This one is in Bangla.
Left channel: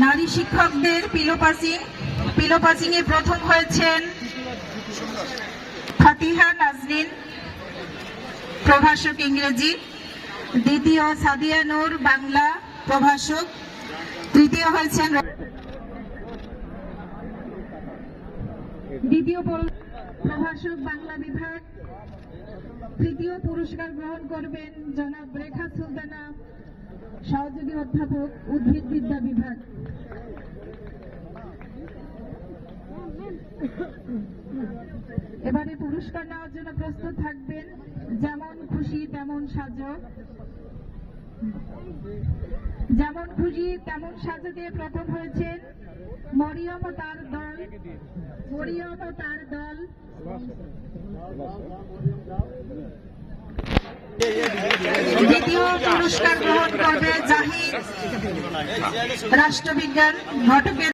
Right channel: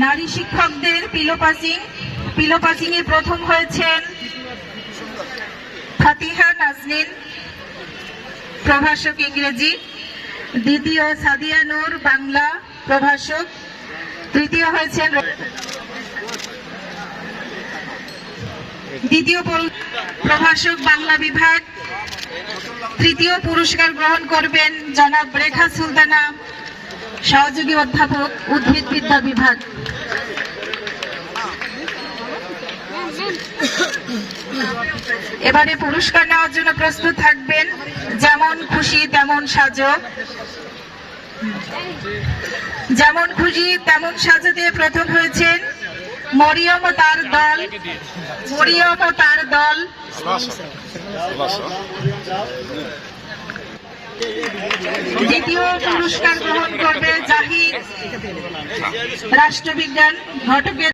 নারী শিক্ষকদের পিলো পাসিং পিলো পাসিং এ প্রথম হয়েছেন ফাতিহা নাজনীন প্রভাষক ইংরেজি, দ্বিতীয় সাদিয়া নূর, বাংলা প্রভাষক, তৃতীয় হয়েছেন দ্বিতীয় পুর- প্রভাষক বাংলা বিভাগ তৃতীয় পুরস্কার গ্রহণ করবেন জনাব রেখা সুলতানা, সহযোগী অধ্যাপক, উদ্ভিদ বিদ্যা বিভাগ। এবারে পুরস্কার নেওয়ার জন্য প্রস্তুত থাকবেন, যেমন খুশি, তেমন সাজো। যেমন খুশি, তেমন সাজো দিয়ে প্রথম হয়েছেন মরিয়ম তার দল। মরিয়ম ও তার দল। দ্বিতীয় পুরস্কার গ্রহণ করবে জাহিদ। রাষ্ট্রবিজ্ঞান ঘটকের